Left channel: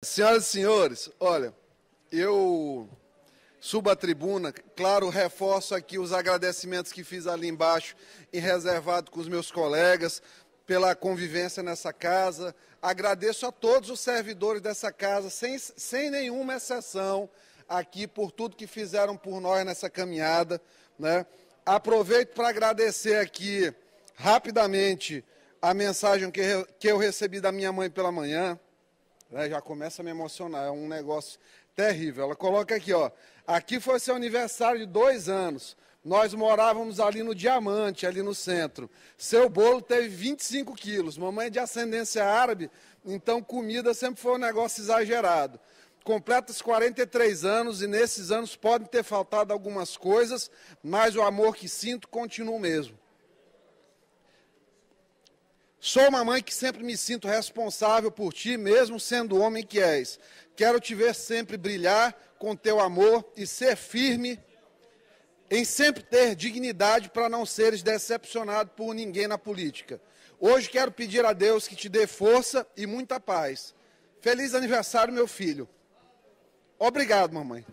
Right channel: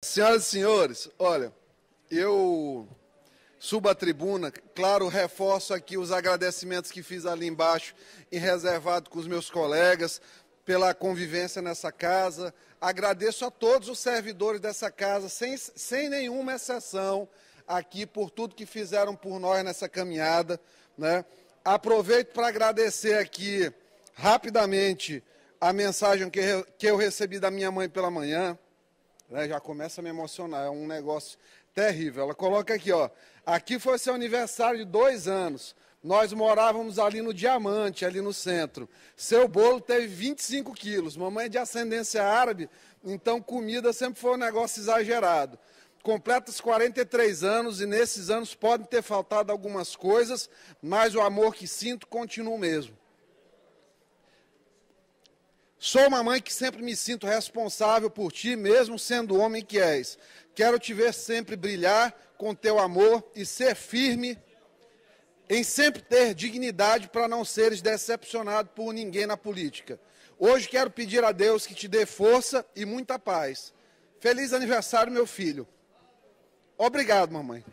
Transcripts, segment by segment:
Senhoras e senhores, olha, eu subo à tribuna, claro, reforço aqui os agradecimentos que fiz ali embaixo e reservado com os meus colegas pela convivência nessa casa. Agradeço a todos os servidores dessa casa, sem nenhuma exceção, aqui por tudo que fizeram por nós nessa caminhada, né? Aproveito para agradecer aqui rapidamente a mensagem que eu recebi da minha mãe pela manhã. Já começa a me emocionar, é um negócio terrível. Ela coloca aqui, ó, aqui foi seu aniversário de 2 anos, nós morávamos ali no Diamante, ali no centro. Seu bolo teve 25 quilos, mamãe é de ascendência árabe, então comida sempre foi um negócio exagerado. Completa os 43 anos e nesses anos podem ter faltado algumas coisas, mas o amor que sinto continua o mesmo. Sou uma mãe que sempre me sinto responsável por ti, mesmo sendo o homem que és. Quero te ver sempre brilhar com teu amor e ser firme em sempre ter dignidade para não seres decepcionado por ninguém na política. Hoje quero pedir a Deus que te dê força e muita paz. Feliz aniversário, meu filho. Obrigado, mamãe.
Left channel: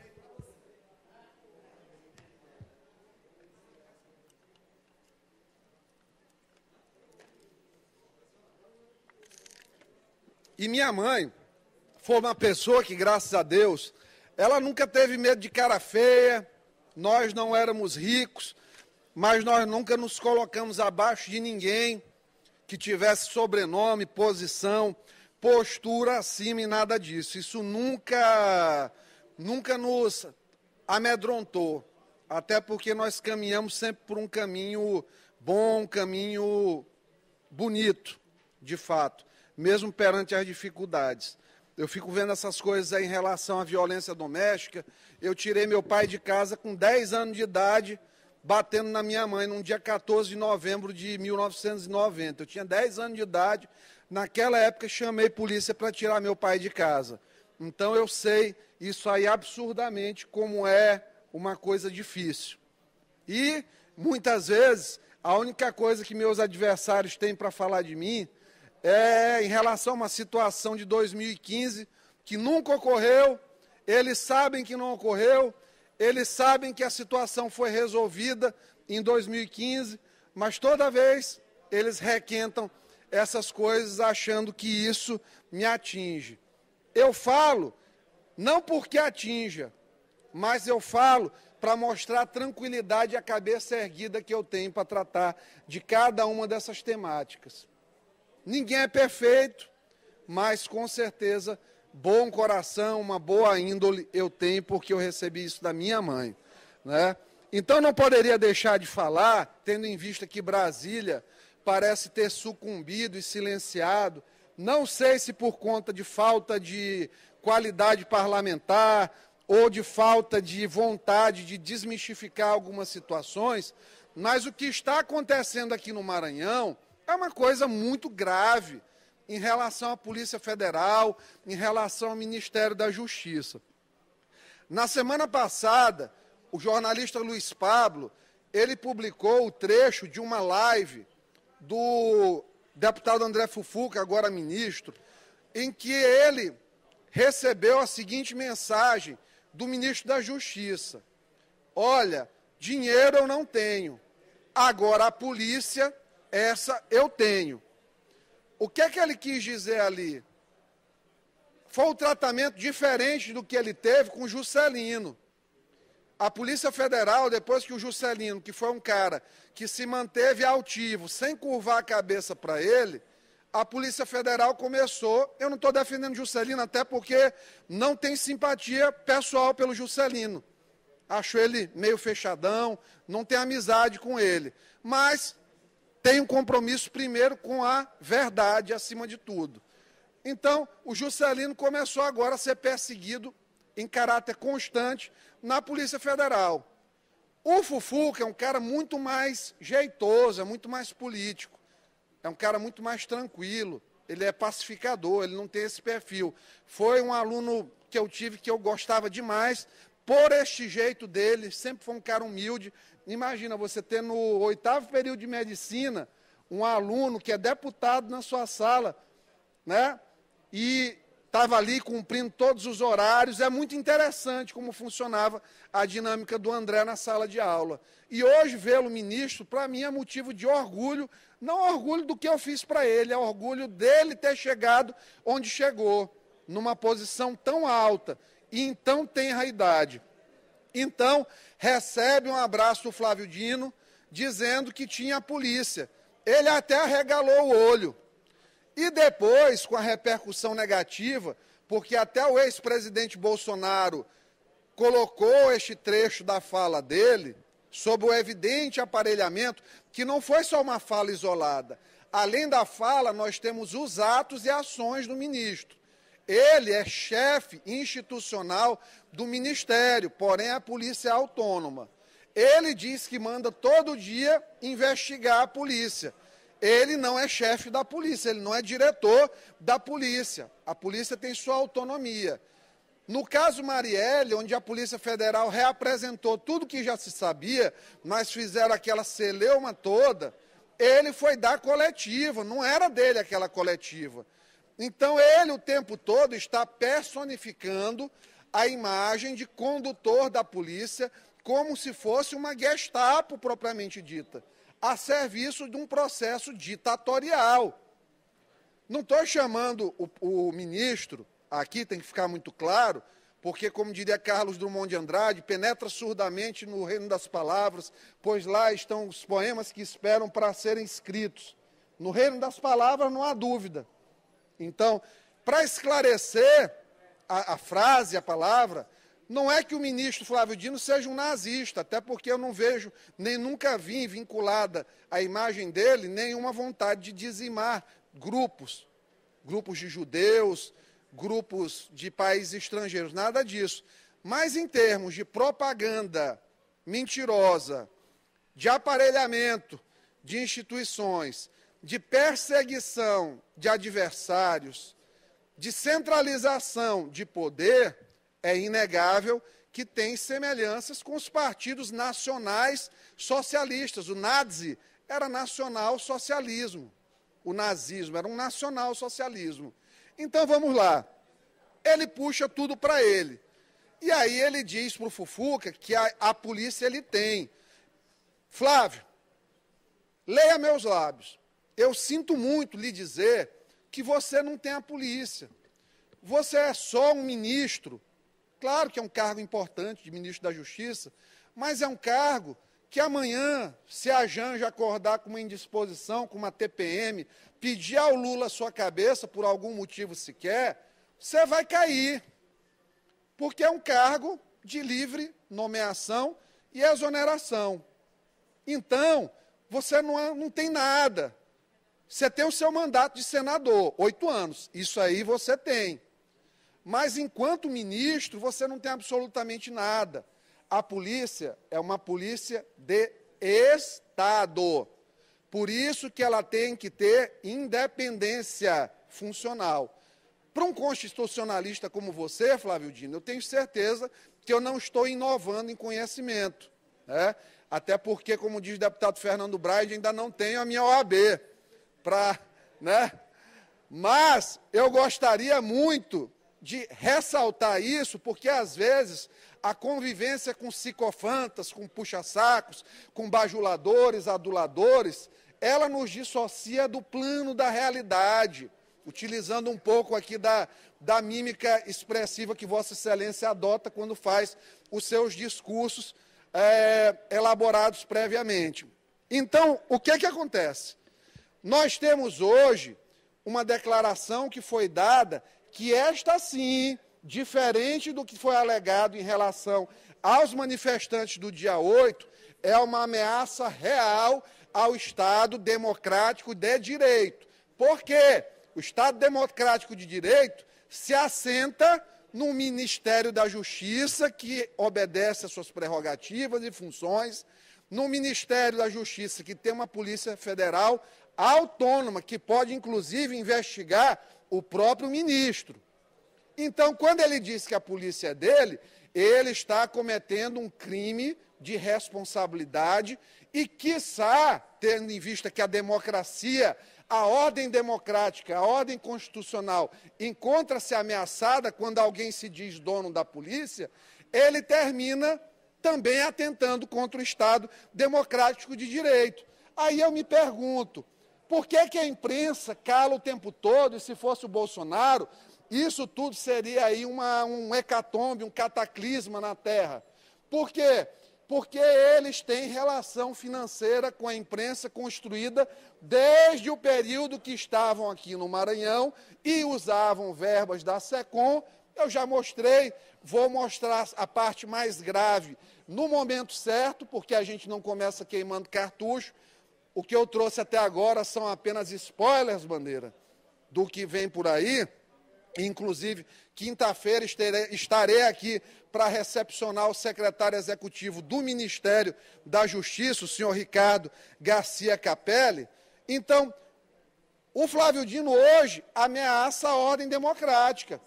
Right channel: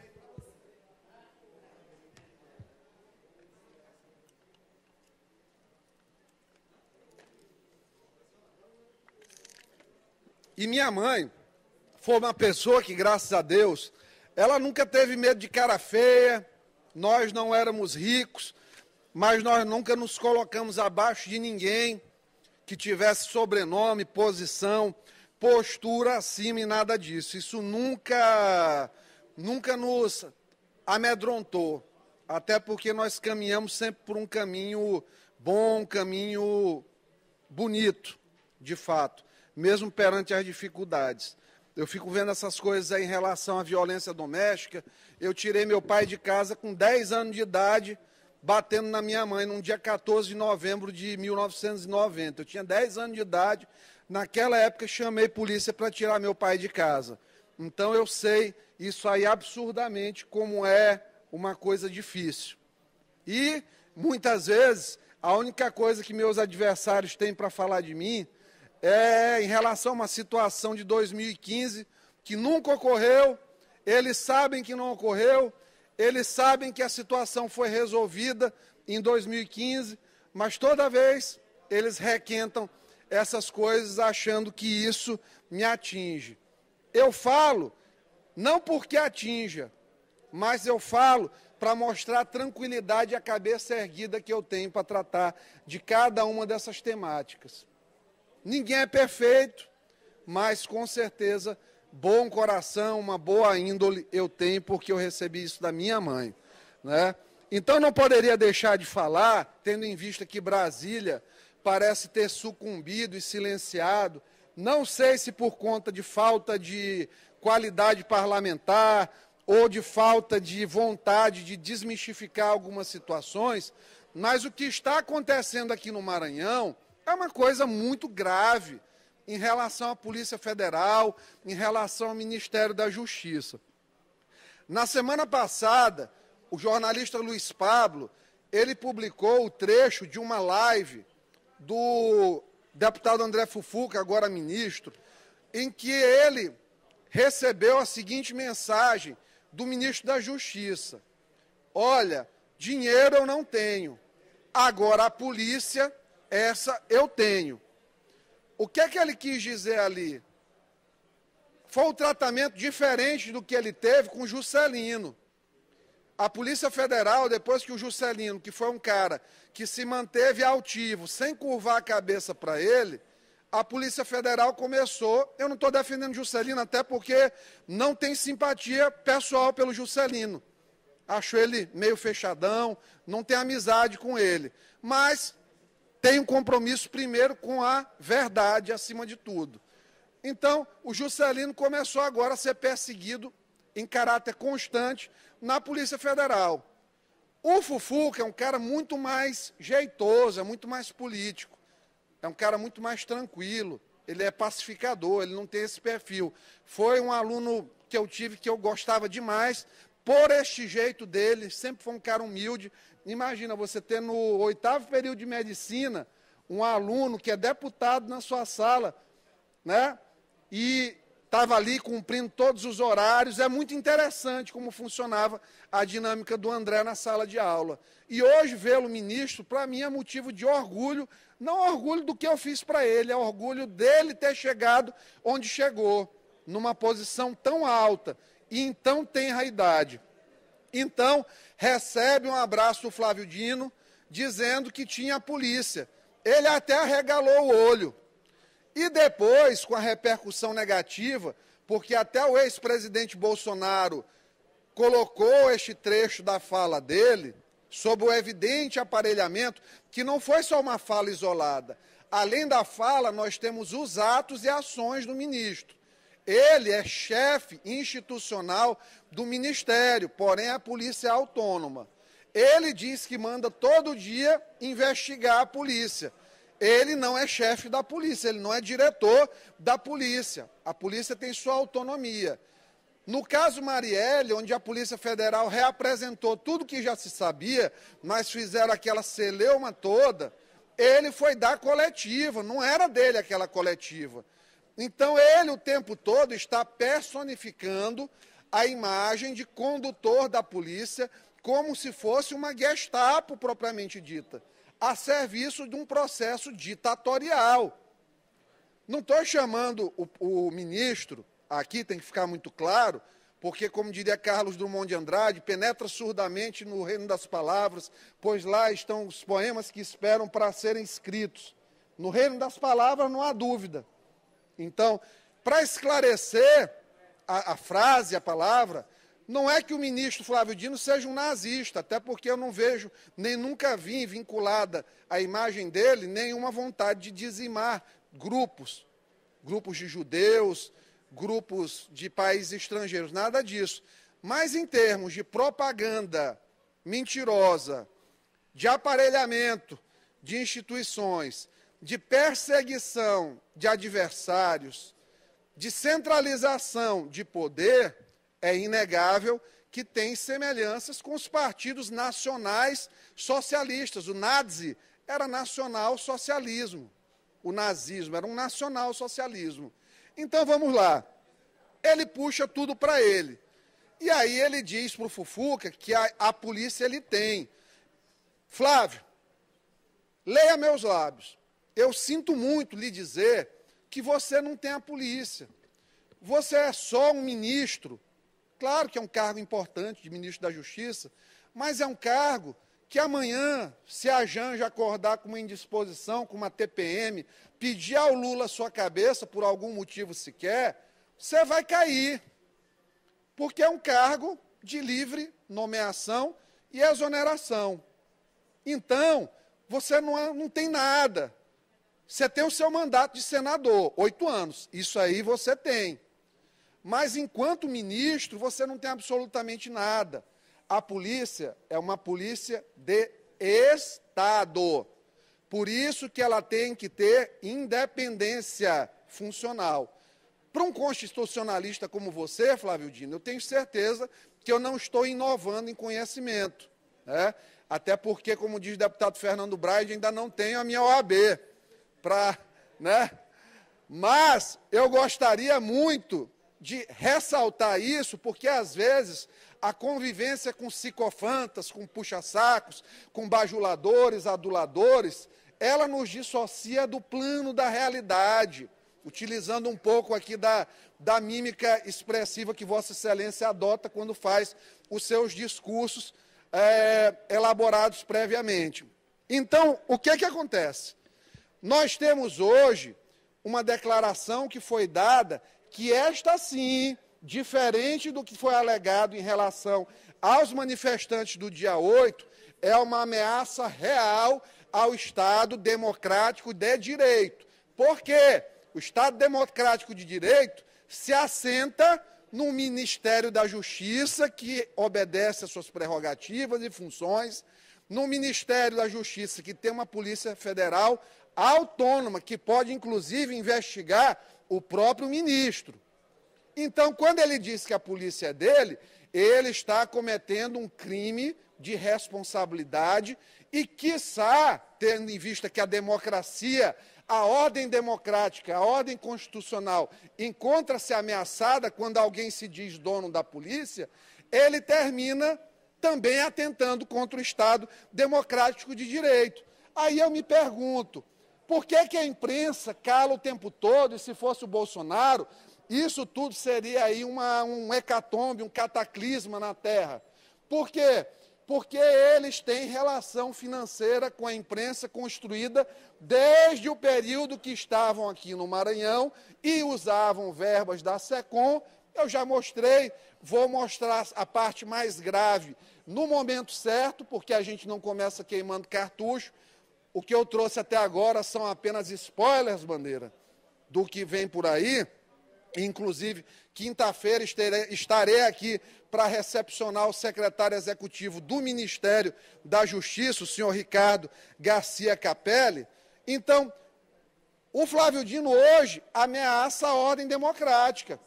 E minha mãe foi uma pessoa que, graças a Deus, ela nunca teve medo de cara feia, nós não éramos ricos, mas nós nunca nos colocamos abaixo de ninguém que tivesse sobrenome, posição, postura acima e nada disso. Isso nunca nos amedrontou, até porque nós caminhamos sempre por um caminho bom, um caminho bonito, de fato, mesmo perante as dificuldades. Eu fico vendo essas coisas aí em relação à violência doméstica. Eu tirei meu pai de casa com 10 anos de idade, batendo na minha mãe, num dia 14 de novembro de 1990. Eu tinha 10 anos de idade. Naquela época, chamei polícia para tirar meu pai de casa. Então, eu sei isso aí absurdamente como é uma coisa difícil. E, muitas vezes, a única coisa que meus adversários têm para falar de mim em relação a uma situação de 2015 que nunca ocorreu, eles sabem que não ocorreu, eles sabem que a situação foi resolvida em 2015, mas toda vez eles requentam essas coisas achando que isso me atinge. Eu falo, não porque atinja, mas eu falo para mostrar a tranquilidade e a cabeça erguida que eu tenho para tratar de cada uma dessas temáticas. Ninguém é perfeito, mas com certeza bom coração, uma boa índole eu tenho porque eu recebi isso da minha mãe, né? Então não poderia deixar de falar, tendo em vista que Brasília parece ter sucumbido e silenciado, não sei se por conta de falta de qualidade parlamentar ou de falta de vontade de desmistificar algumas situações, mas o que está acontecendo aqui no Maranhão é uma coisa muito grave em relação à Polícia Federal, em relação ao Ministério da Justiça. Na semana passada, o jornalista Luiz Pablo, ele publicou o trecho de uma live do deputado André Fufuca, agora ministro, em que ele recebeu a seguinte mensagem do ministro da Justiça: olha, dinheiro eu não tenho, agora a polícia, essa eu tenho. O que é que ele quis dizer ali? Foi um tratamento diferente do que ele teve com o Juscelino. A Polícia Federal, depois que o Juscelino, que foi um cara que se manteve altivo, sem curvar a cabeça para ele, a Polícia Federal começou, eu não estou defendendo o Juscelino, até porque não tem simpatia pessoal pelo Juscelino. Acho ele meio fechadão, não tem amizade com ele. Mas tem um compromisso primeiro com a verdade acima de tudo. Então, o Juscelino começou agora a ser perseguido em caráter constante na Polícia Federal. O Fufuca é um cara muito mais jeitoso, é muito mais político, é um cara muito mais tranquilo, ele é pacificador, ele não tem esse perfil. Foi um aluno que eu tive que eu gostava demais, por este jeito dele, sempre foi um cara humilde. Imagina você ter no 8º período de medicina um aluno que é deputado na sua sala, né? E estava ali cumprindo todos os horários. É muito interessante como funcionava a dinâmica do André na sala de aula. E hoje, vê-lo ministro, para mim é motivo de orgulho, não orgulho do que eu fiz para ele, é orgulho dele ter chegado onde chegou, numa posição tão alta e em tão tenra idade. Então, recebe um abraço do Flávio Dino, dizendo que tinha a polícia. Ele até arregalou o olho. E depois, com a repercussão negativa, porque até o ex-presidente Bolsonaro colocou este trecho da fala dele, sob o evidente aparelhamento, que não foi só uma fala isolada. Além da fala, nós temos os atos e ações do ministro. Ele é chefe institucional do ministério, porém a polícia é autônoma. Ele diz que manda todo dia investigar a polícia. Ele não é chefe da polícia, ele não é diretor da polícia. A polícia tem sua autonomia. No caso Marielle, onde a Polícia Federal reapresentou tudo que já se sabia, mas fizeram aquela celeuma toda, ele foi dar coletiva, não era dele aquela coletiva. Então ele o tempo todo está personificando a imagem de condutor da polícia como se fosse uma Gestapo propriamente dita, a serviço de um processo ditatorial. Não estou chamando o ministro, aqui tem que ficar muito claro, porque, como diria Carlos Drummond de Andrade, penetra surdamente no reino das palavras, pois lá estão os poemas que esperam para serem escritos. No reino das palavras não há dúvida. Então, para esclarecer a frase, a palavra, não é que o ministro Flávio Dino seja um nazista, até porque eu não vejo, nem nunca vi vinculada à imagem dele, nenhuma vontade de dizimar grupos de judeus, grupos de países estrangeiros, nada disso. Mas em termos de propaganda mentirosa, de aparelhamento de instituições, de perseguição de adversários, de centralização de poder, é inegável que tem semelhanças com os partidos nacionais socialistas. O nazi era nacional-socialismo. O nazismo era um nacional-socialismo. Então, vamos lá. Ele puxa tudo para ele. E aí ele diz para o Fufuca que a polícia ele tem. Flávio, leia meus lábios. Eu sinto muito lhe dizer que você não tem a polícia. Você é só um ministro. Claro que é um cargo importante de ministro da Justiça, mas é um cargo que amanhã, se a Janja acordar com uma indisposição, com uma TPM, pedir ao Lula a sua cabeça por algum motivo sequer, você vai cair. Porque é um cargo de livre nomeação e exoneração. Então, você não tem nada. Você tem o seu mandato de senador, 8 anos. Isso aí você tem. Mas, enquanto ministro, você não tem absolutamente nada. A polícia é uma polícia de Estado. Por isso que ela tem que ter independência funcional. Para um constitucionalista como você, Flávio Dino, eu tenho certeza que eu não estou inovando em conhecimento. Né? Até porque, como diz o deputado Fernando Braide, ainda não tenho a minha OAB. Né? Mas eu gostaria muito de ressaltar isso, porque às vezes a convivência com psicofantas, com puxa-sacos, com bajuladores, aduladores, ela nos dissocia do plano da realidade, utilizando um pouco aqui da mímica expressiva que Vossa Excelência adota quando faz os seus discursos elaborados previamente. Então, o que acontece? Nós temos hoje uma declaração que foi dada que esta sim, diferente do que foi alegado em relação aos manifestantes do dia 8, é uma ameaça real ao Estado democrático de direito. Por quê? O Estado democrático de direito se assenta no Ministério da Justiça, que obedece às suas prerrogativas e funções, no Ministério da Justiça, que tem uma Polícia Federal autônoma, que pode, inclusive, investigar o próprio ministro. Então, quando ele diz que a polícia é dele, ele está cometendo um crime de responsabilidade e, quiçá, tendo em vista que a democracia a ordem democrática, a ordem constitucional encontra-se ameaçada quando alguém se diz dono da polícia, ele termina também atentando contra o Estado democrático de direito. Aí eu me pergunto, por que que a imprensa cala o tempo todo, e se fosse o Bolsonaro, isso tudo seria aí um hecatombe, um cataclisma na Terra? Por quê? Porque eles têm relação financeira com a imprensa construída desde o período que estavam aqui no Maranhão e usavam verbas da SECOM. Eu já mostrei, vou mostrar a parte mais grave no momento certo, porque a gente não começa queimando cartucho. O que eu trouxe até agora são apenas spoilers, Bandeira, do que vem por aí. Inclusive, quinta-feira estarei aqui para recepcionar o secretário executivo do Ministério da Justiça, o senhor Ricardo Garcia Capelli. Então, o Flávio Dino hoje ameaça a ordem democrática.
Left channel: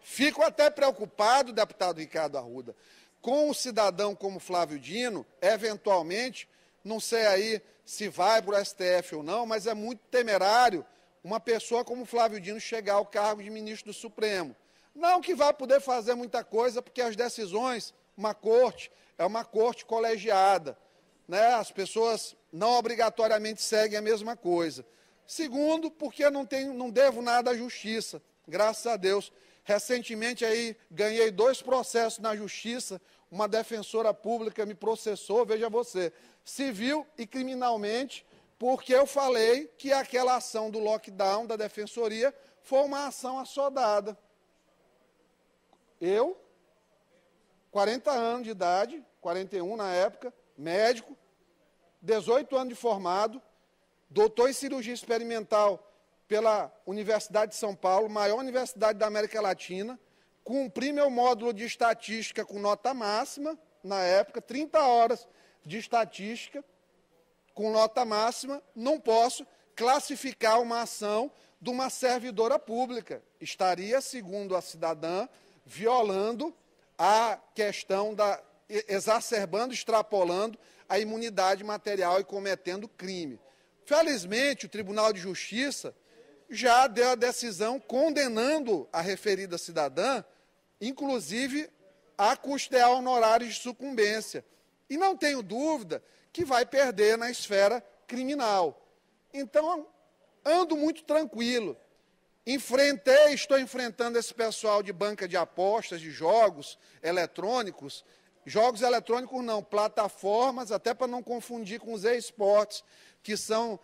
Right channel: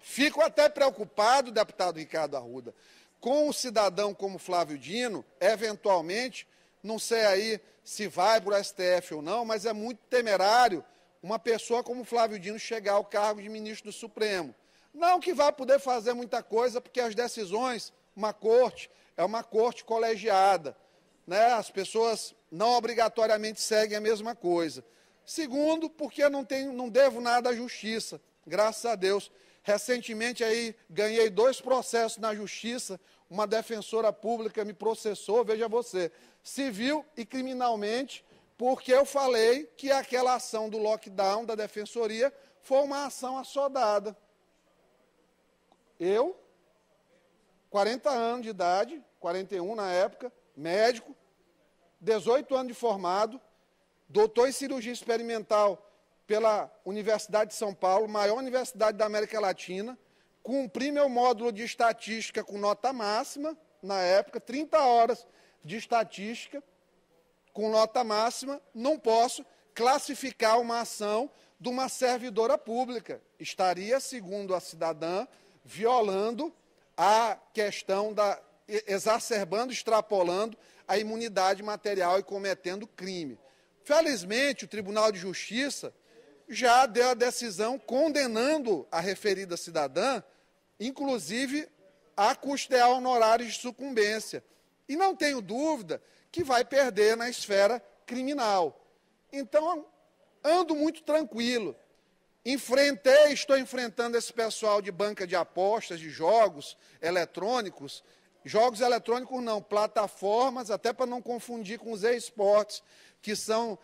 Fico até preocupado, deputado Ricardo Arruda, com um cidadão como Flávio Dino, eventualmente, não sei aí se vai para o STF ou não, mas é muito temerário uma pessoa como Flávio Dino chegar ao cargo de ministro do Supremo. Não que vá poder fazer muita coisa, porque as decisões, é uma corte colegiada, né? As pessoas não obrigatoriamente seguem a mesma coisa. Segundo, porque não devo nada à justiça, graças a Deus. Recentemente aí ganhei 2 processos na justiça, uma defensora pública me processou, veja você, civil e criminalmente, porque eu falei que aquela ação do lockdown da defensoria foi uma ação assodada. Eu, 40 anos de idade, 41 na época, médico, 18 anos de formado, doutor em cirurgia experimental pela Universidade de São Paulo, maior universidade da América Latina, cumpri meu módulo de estatística com nota máxima, na época, 30 horas de estatística, com nota máxima, não posso classificar uma ação de uma servidora pública. Estaria, segundo a cidadã, violando a questão exacerbando, extrapolando a imunidade material e cometendo crime. Felizmente, o Tribunal de Justiça já deu a decisão condenando a referida cidadã, inclusive a custear honorários de sucumbência. E não tenho dúvida que vai perder na esfera criminal. Então, ando muito tranquilo. Estou enfrentando esse pessoal de banca de apostas, de jogos eletrônicos não, plataformas, até para não confundir com os e-sports, que são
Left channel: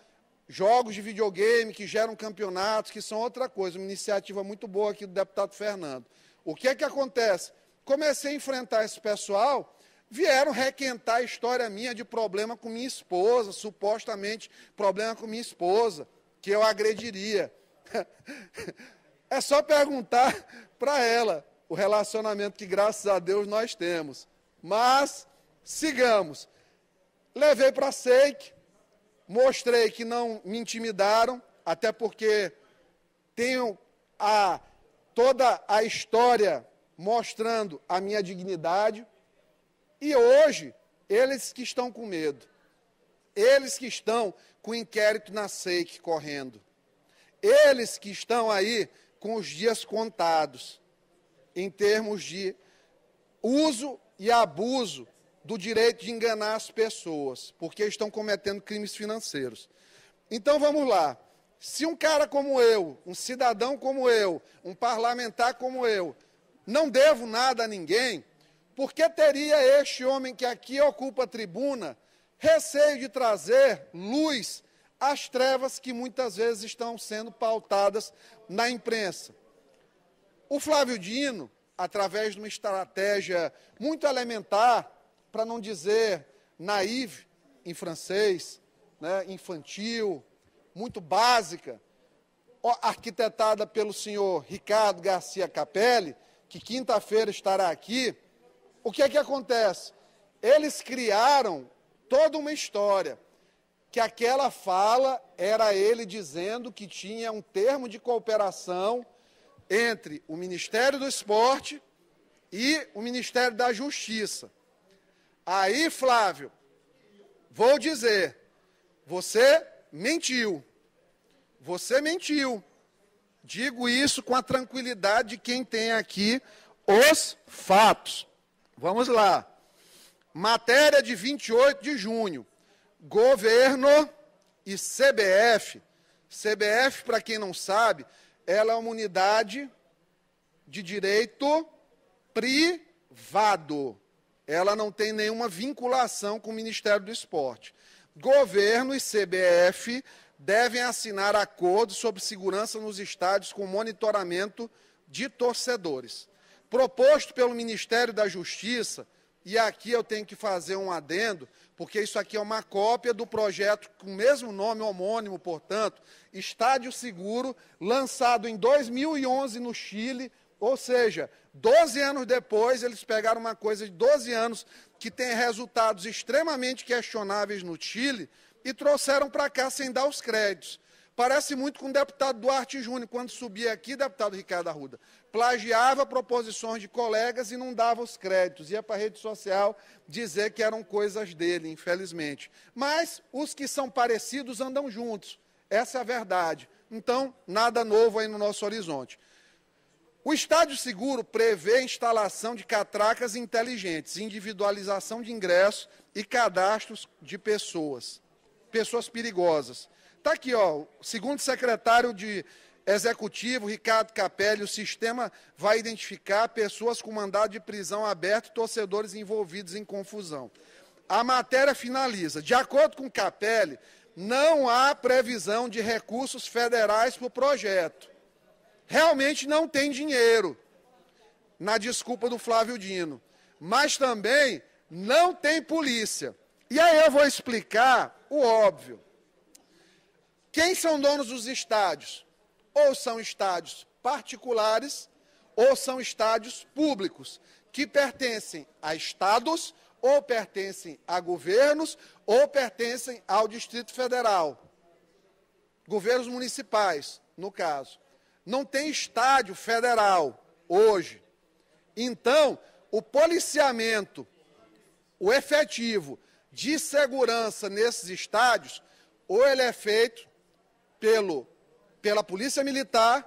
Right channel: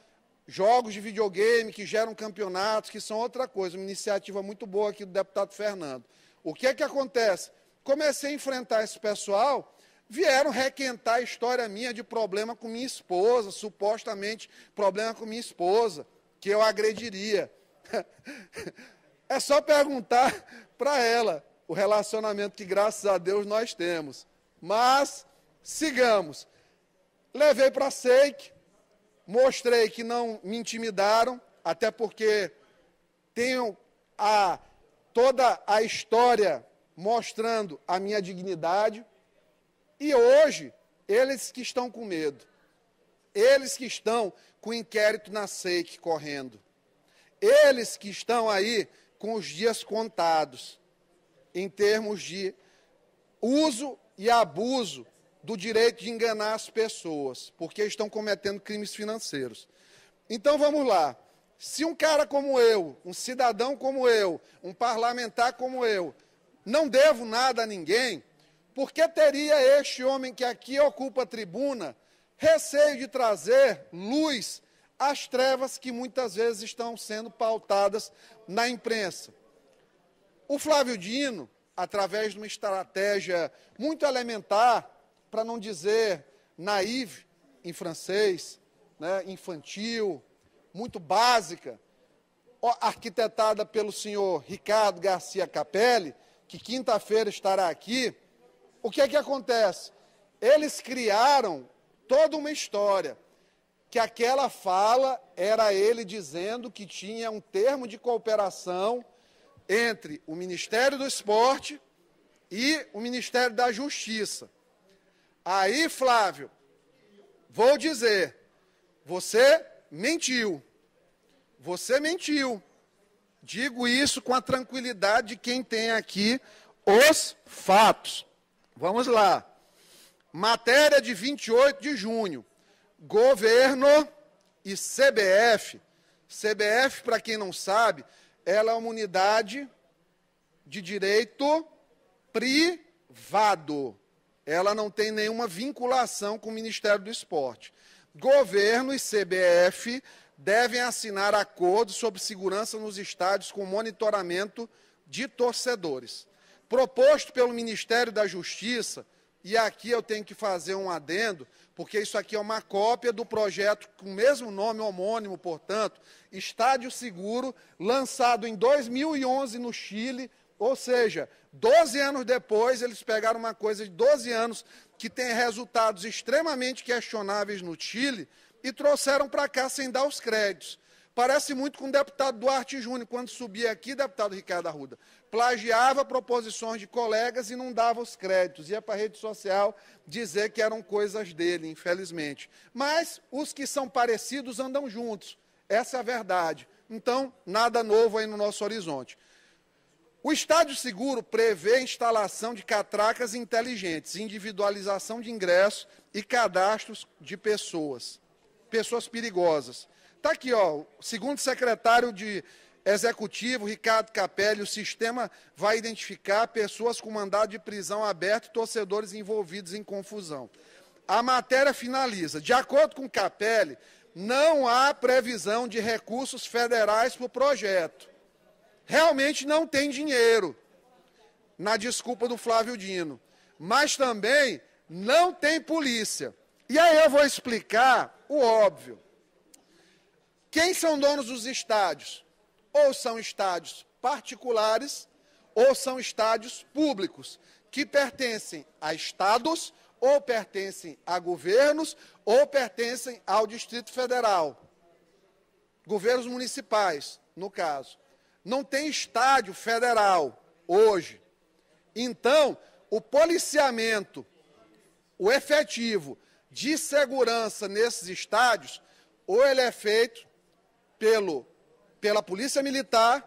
jogos de videogame, que geram campeonatos, que são outra coisa, uma iniciativa muito boa aqui do deputado Fernando. O que é que acontece? Comecei a enfrentar esse pessoal, vieram requentar a história minha de problema com minha esposa, supostamente problema com minha esposa, que eu agrediria. É só perguntar para ela o relacionamento que, graças a Deus, nós temos. Mas, sigamos. Levei para a SEIC, mostrei que não me intimidaram, até porque tenho toda a história mostrando a minha dignidade. E hoje, eles que estão com medo, eles que estão com o inquérito na SEIC correndo, eles que estão aí com os dias contados, em termos de uso e abuso do direito de enganar as pessoas, porque estão cometendo crimes financeiros. Então vamos lá. Se um cara como eu, um cidadão como eu, um parlamentar como eu, não devo nada a ninguém, por que teria este homem que aqui ocupa a tribuna receio de trazer luz às trevas que muitas vezes estão sendo pautadas na imprensa? O Flávio Dino, através de uma estratégia muito elementar, para não dizer naïve em francês, né, infantil, muito básica, arquitetada pelo senhor Ricardo Garcia Capelli, que quinta-feira estará aqui, o que é que acontece? Eles criaram toda uma história, que aquela fala era ele dizendo que tinha um termo de cooperação entre o Ministério do Esporte e o Ministério da Justiça. Aí, Flávio, vou dizer, você mentiu. você mentiu. Digo isso com a tranquilidade de quem tem aqui os fatos. Vamos lá. Matéria de 28 de junho. Governo e CBF. CBF, para quem não sabe, ela é uma unidade de direito privado. Ela não tem nenhuma vinculação com o Ministério do Esporte. Governo e CBF devem assinar acordos sobre segurança nos estádios com monitoramento de torcedores. Proposto pelo Ministério da Justiça, e aqui eu tenho que fazer um adendo, porque isso aqui é uma cópia do projeto com o mesmo nome homônimo, portanto, Estádio Seguro, lançado em 2011 no Chile, ou seja, 12 anos depois, eles pegaram uma coisa de 12 anos que tem resultados extremamente questionáveis no Chile e trouxeram para cá sem dar os créditos. Parece muito com o deputado Duarte Júnior, quando subia aqui, deputado Ricardo Arruda, plagiava proposições de colegas e não dava os créditos, ia para a rede social dizer que eram coisas dele, infelizmente. Mas os que são parecidos andam juntos, essa é a verdade. Então, nada novo aí no nosso horizonte. O Estádio Seguro prevê a instalação de catracas inteligentes, individualização de ingressos e cadastros de pessoas perigosas. Está aqui, ó, segundo o secretário de Executivo, Ricardo Capelli, o sistema vai identificar pessoas com mandado de prisão aberto e torcedores envolvidos em confusão. A matéria finaliza. De acordo com Capelli, não há previsão de recursos federais para o projeto. Realmente não tem dinheiro, na desculpa do Flávio Dino. Mas também não tem polícia. E aí eu vou explicar o óbvio. Quem são donos dos estádios? Ou são estádios particulares, ou são estádios públicos, que pertencem a estados, ou pertencem a governos, ou pertencem ao Distrito Federal. Governos municipais, no caso. Não tem estádio federal hoje. Então, o policiamento, o efetivo de segurança nesses estádios, ou ele é feito pela Polícia Militar,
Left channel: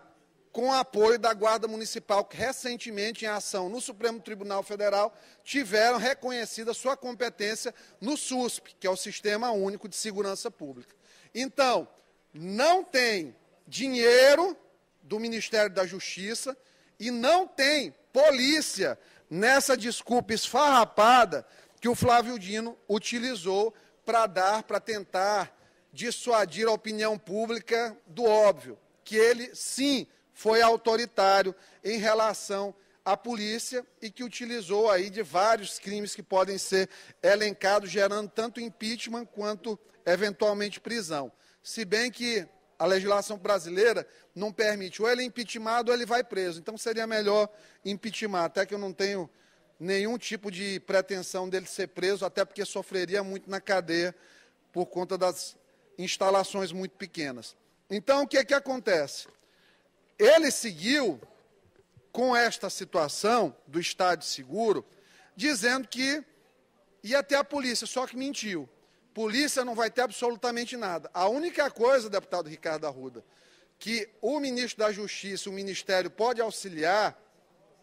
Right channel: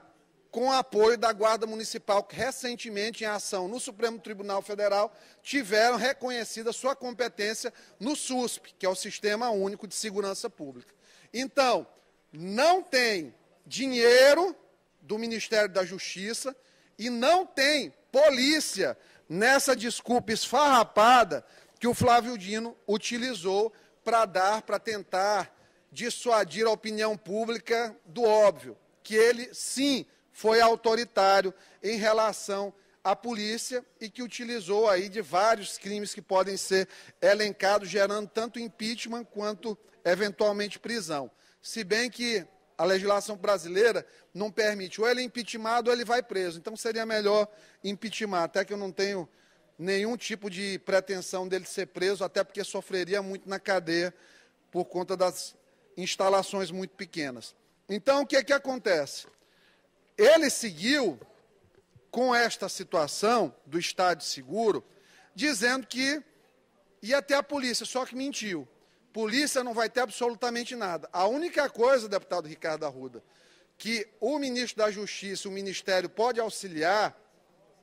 com o apoio da Guarda Municipal, que recentemente, em ação no Supremo Tribunal Federal, tiveram reconhecida sua competência no SUSP, que é o Sistema Único de Segurança Pública. Então, não tem dinheiro do Ministério da Justiça e não tem polícia nessa desculpa esfarrapada que o Flávio Dino utilizou para tentar dissuadir a opinião pública do óbvio, que ele, sim, foi autoritário em relação à polícia e que utilizou aí de vários crimes que podem ser elencados, gerando tanto impeachment quanto, eventualmente, prisão. Se bem que a legislação brasileira não permite, ou ele é impeachmentado ou ele vai preso. Então, seria melhor impeachment, até que eu não tenho nenhum tipo de pretensão dele ser preso, até porque sofreria muito na cadeia por conta das instalações muito pequenas. Então, o que é que acontece? Ele seguiu com esta situação do Estádio Seguro, dizendo que ia ter a polícia, só que mentiu. Polícia não vai ter absolutamente nada. A única coisa, deputado Ricardo Arruda, que o ministro da Justiça, o Ministério, pode auxiliar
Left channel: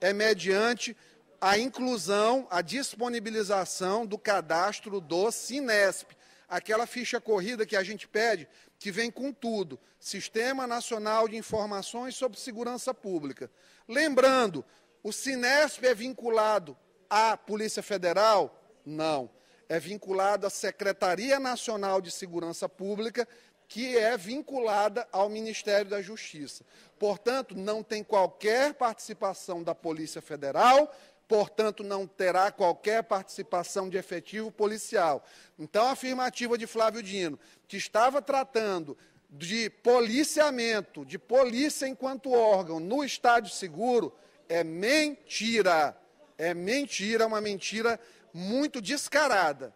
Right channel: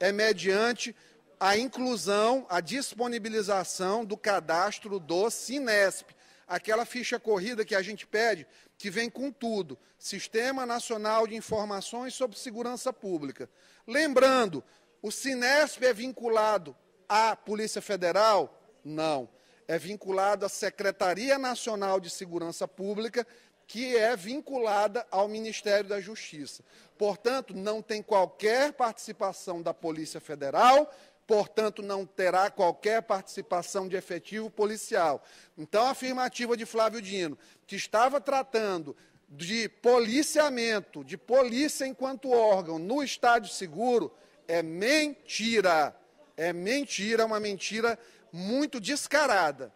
é mediante a inclusão, a disponibilização do cadastro do Sinesp, aquela ficha corrida que a gente pede, que vem com tudo, Sistema Nacional de Informações sobre Segurança Pública. Lembrando, o Sinesp é vinculado à Polícia Federal? Não. É vinculado à Secretaria Nacional de Segurança Pública, que é vinculada ao Ministério da Justiça. Portanto, não tem qualquer participação da Polícia Federal, portanto, não terá qualquer participação de efetivo policial. Então, a afirmativa de Flávio Dino, que estava tratando de policiamento, de polícia enquanto órgão no Estádio Seguro, é mentira. É mentira, uma mentira muito descarada.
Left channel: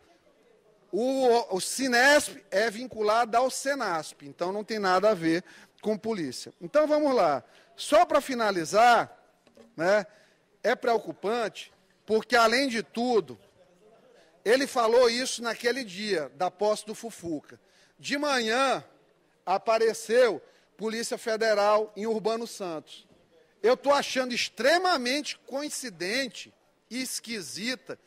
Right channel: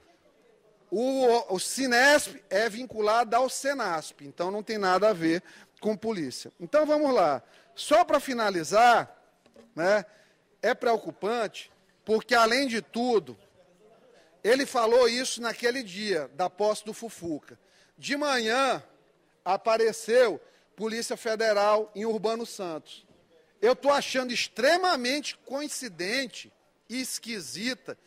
O Sinesp é vinculado ao Senasp, então não tem nada a ver com polícia. Então, vamos lá. Só para finalizar, né? É preocupante, porque, além de tudo, ele falou isso naquele dia da posse do Fufuca. De manhã, apareceu Polícia Federal em Urbano Santos. Eu estou achando extremamente coincidente e esquisita,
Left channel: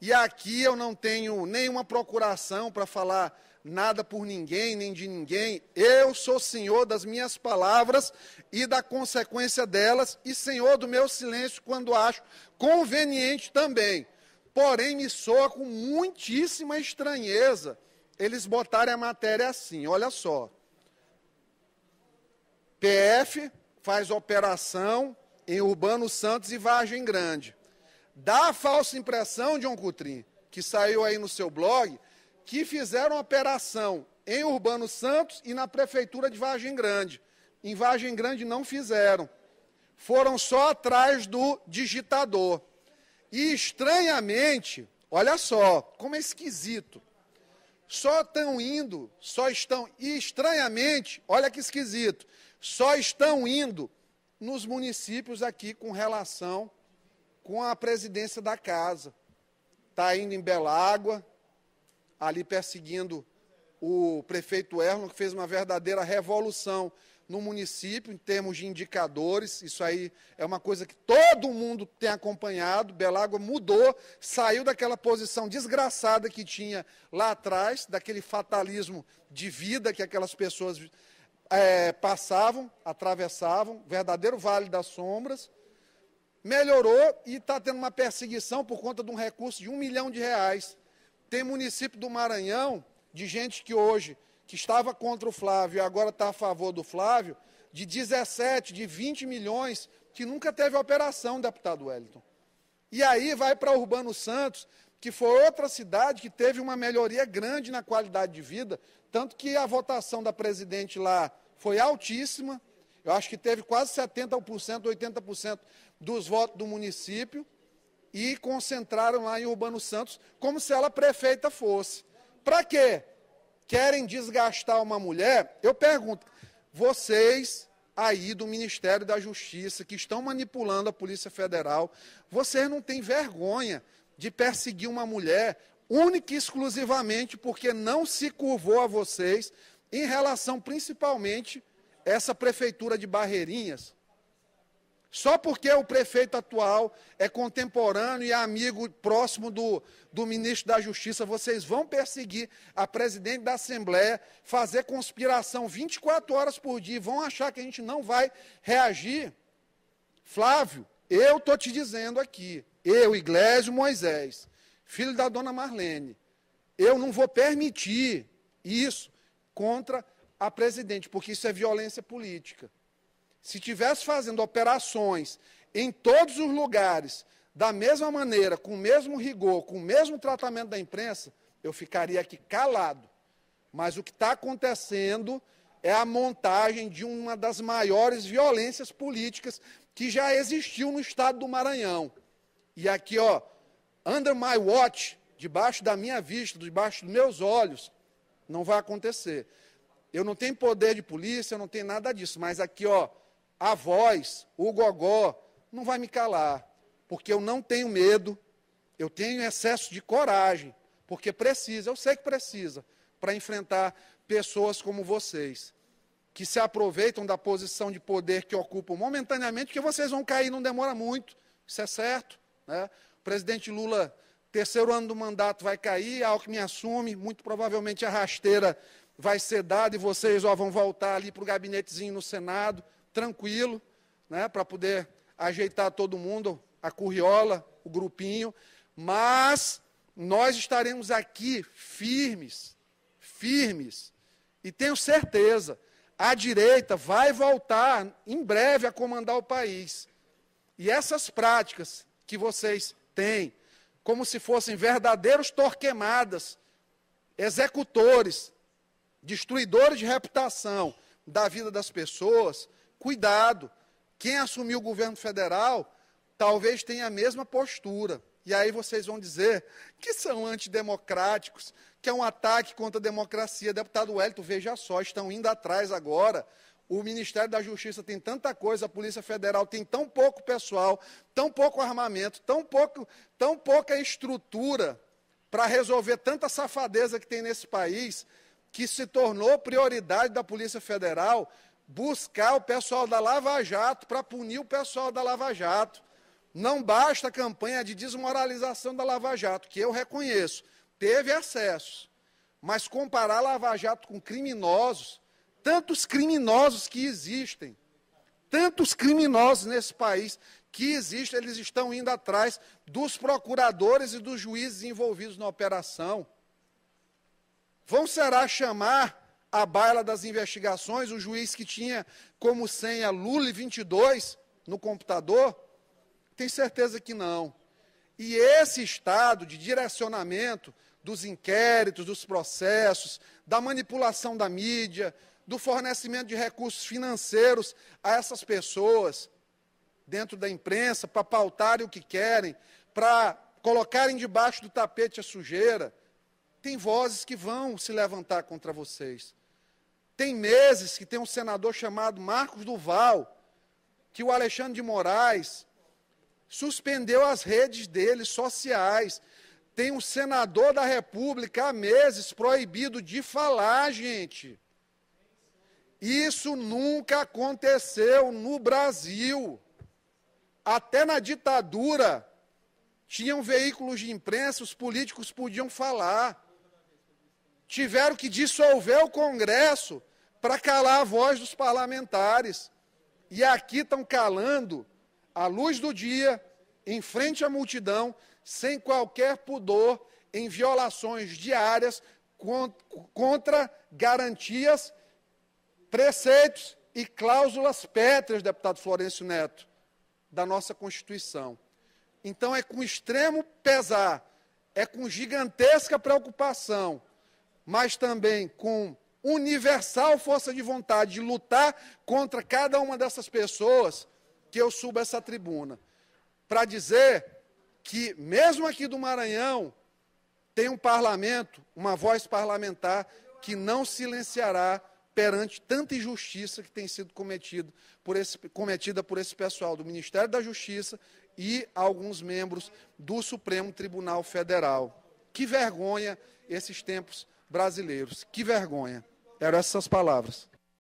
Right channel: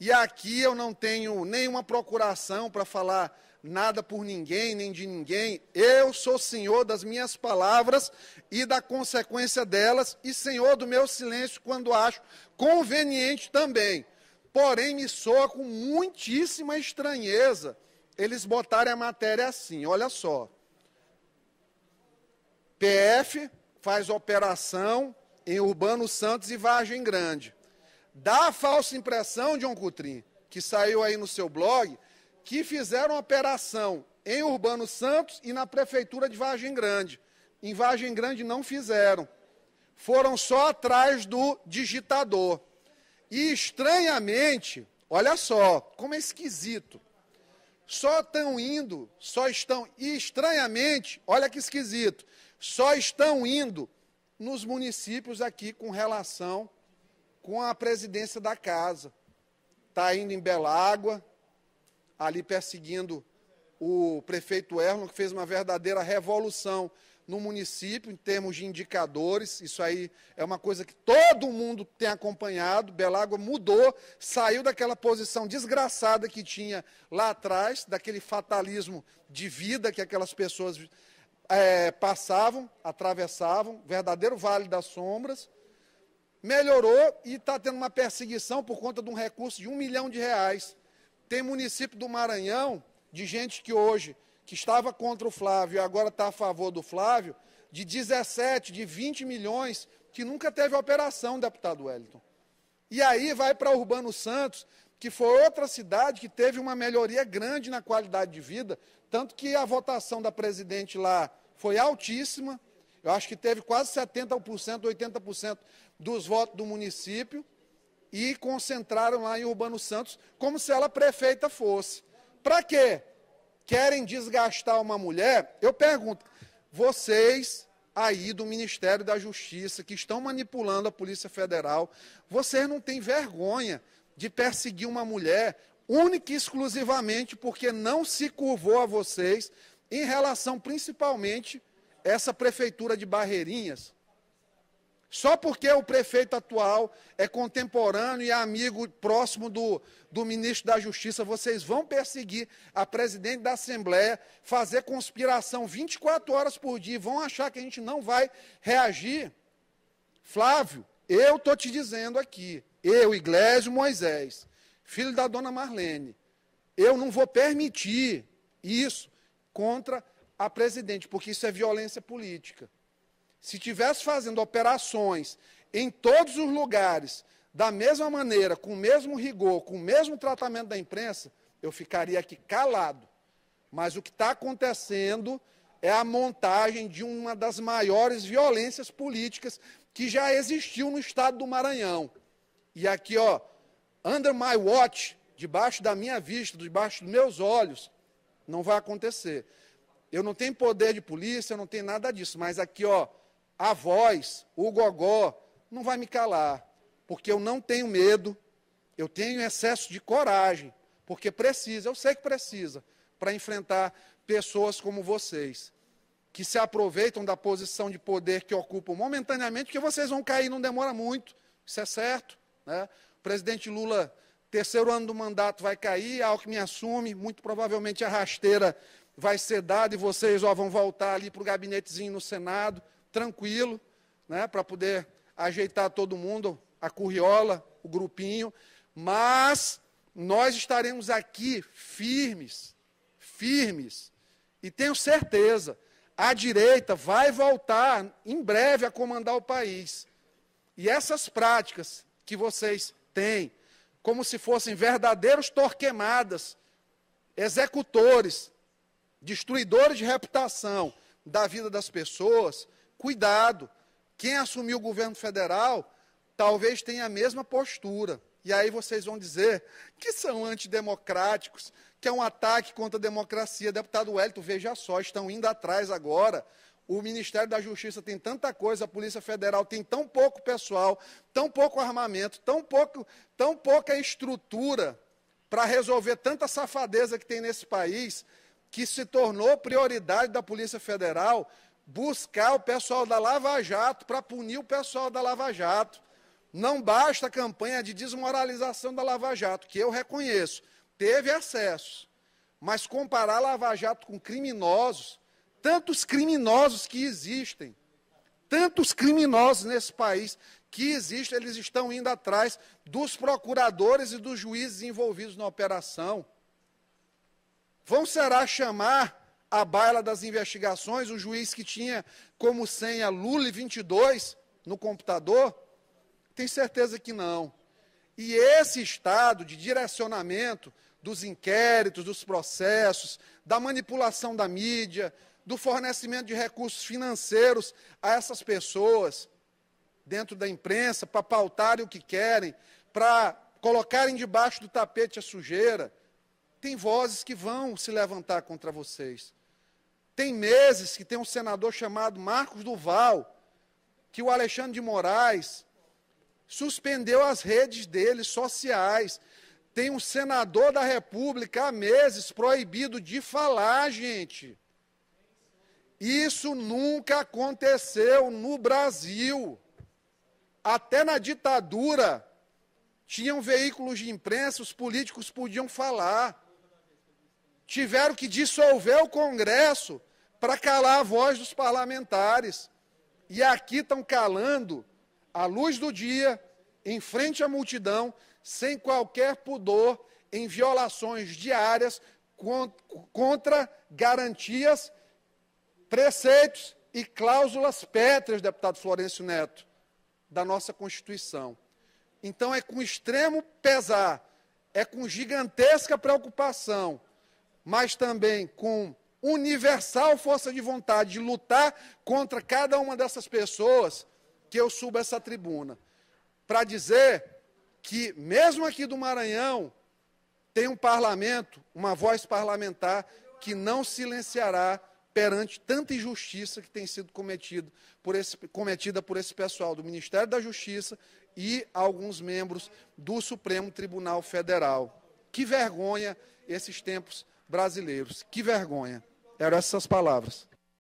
e aqui eu não tenho nenhuma procuração para falar nada por ninguém, nem de ninguém. Eu sou senhor das minhas palavras e da consequência delas, e senhor do meu silêncio quando acho conveniente também. Porém, me soa com muitíssima estranheza eles botarem a matéria assim, olha só. PF faz operação em Urbano Santos e Vargem Grande. Dá a falsa impressão, John Coutrinho, que saiu aí no seu blog, que fizeram operação em Urbano Santos e na Prefeitura de Vargem Grande. Em Vargem Grande não fizeram. Foram só atrás do digitador. E estranhamente, olha só, como é esquisito. E estranhamente, olha que esquisito, só estão indo nos municípios aqui com relação com a presidência da casa. Está indo em Belágua, ali perseguindo o prefeito Erlon, que fez uma verdadeira revolução no município, em termos de indicadores. Isso aí é uma coisa que todo mundo tem acompanhado. Belágua mudou, saiu daquela posição desgraçada que tinha lá atrás, daquele fatalismo de vida que aquelas pessoas passavam, atravessavam, verdadeiro vale das sombras. Melhorou e está tendo uma perseguição por conta de um recurso de R$1 milhão. Tem município do Maranhão, de gente que hoje, que estava contra o Flávio e agora está a favor do Flávio, de 17, de 20 milhões, que nunca teve operação, deputado Wellington. E aí vai para Urbano Santos, que foi outra cidade que teve uma melhoria grande na qualidade de vida, tanto que a votação da presidente lá foi altíssima. Eu acho que teve quase 70%, 80% dos votos do município e concentraram lá em Urbano Santos como se ela prefeita fosse. Para quê? Querem desgastar uma mulher? Eu pergunto, vocês aí do Ministério da Justiça que estão manipulando a Polícia Federal, vocês não têm vergonha de perseguir uma mulher única e exclusivamente porque não se curvou a vocês em relação principalmente essa prefeitura de Barreirinhas? Só porque o prefeito atual é contemporâneo e é amigo próximo do ministro da Justiça, vocês vão perseguir a presidente da Assembleia, fazer conspiração 24 horas por dia, vão achar que a gente não vai reagir? Flávio, eu estou te dizendo aqui, eu, Iglesio Moisés, filho da dona Marlene, eu não vou permitir isso contra a presidente, porque isso é violência política. Se estivesse fazendo operações em todos os lugares, da mesma maneira, com o mesmo rigor, com o mesmo tratamento da imprensa, eu ficaria aqui calado. Mas o que está acontecendo é a montagem de uma das maiores violências políticas que já existiu no estado do Maranhão. E aqui, ó, under my watch, debaixo da minha vista, debaixo dos meus olhos, não vai acontecer. Eu não tenho poder de polícia, não tenho nada disso, mas aqui, ó, a voz, o gogó, não vai me calar, porque eu não tenho medo, eu tenho excesso de coragem, porque precisa, eu sei que precisa, para enfrentar pessoas como vocês, que se aproveitam da posição de poder que ocupam momentaneamente, porque vocês vão cair, não demora muito, isso é certo, né? O presidente Lula, terceiro ano do mandato, vai cair, Alckmin assume, muito provavelmente a rasteira vai ser dada e vocês vão voltar ali para o gabinetezinho no Senado, tranquilo, né, para poder ajeitar todo mundo, a curriola, o grupinho, mas nós estaremos aqui firmes, e tenho certeza, a direita vai voltar em breve a comandar o país. E essas práticas que vocês têm, como se fossem verdadeiros torquemadas, executores, destruidores de reputação da vida das pessoas, cuidado, quem assumiu o governo federal talvez tenha a mesma postura. E aí vocês vão dizer que são antidemocráticos, que é um ataque contra a democracia. Deputado Wellington, veja só, estão indo atrás agora. O Ministério da Justiça tem tanta coisa, a Polícia Federal tem tão pouco pessoal, tão pouco armamento, tão pouca estrutura para resolver tanta safadeza que tem nesse país, que se tornou prioridade da Polícia Federal buscar o pessoal da Lava Jato para punir o pessoal da Lava Jato. Não basta a campanha de desmoralização da Lava Jato, que eu reconheço, teve excessos. Mas comparar a Lava Jato com criminosos, tantos criminosos que existem, tantos criminosos nesse país que existem, eles estão indo atrás dos procuradores e dos juízes envolvidos na operação. Vão, será, chamar à baila das investigações o juiz que tinha como senha Lula 22 no computador? Tenho certeza que não. E esse estado de direcionamento dos inquéritos, dos processos, da manipulação da mídia, do fornecimento de recursos financeiros a essas pessoas dentro da imprensa para pautarem o que querem, para colocarem debaixo do tapete a sujeira, tem vozes que vão se levantar contra vocês. Tem meses que tem um senador chamado Marcos Duval, que o Alexandre de Moraes suspendeu as redes dele sociais. Tem um senador da República há meses proibido de falar, gente. Isso nunca aconteceu no Brasil. Até na ditadura, tinham veículos de imprensa, os políticos podiam falar. Tiveram que dissolver o Congresso para calar a voz dos parlamentares. E aqui estão calando, à luz do dia, em frente à multidão, sem qualquer pudor, em violações diárias contra garantias, preceitos e cláusulas pétreas, deputado Florencio Neto, da nossa Constituição. Então, é com extremo pesar, é com gigantesca preocupação, mas também com universal força de vontade de lutar contra cada uma dessas pessoas, que eu subo essa tribuna, para dizer que, mesmo aqui do Maranhão, tem um parlamento, uma voz parlamentar, que não silenciará perante tanta injustiça que tem sido cometida por esse pessoal do Ministério da Justiça e alguns membros do Supremo Tribunal Federal. Que vergonha esses tempos brasileiros, que vergonha. Eram essas palavras.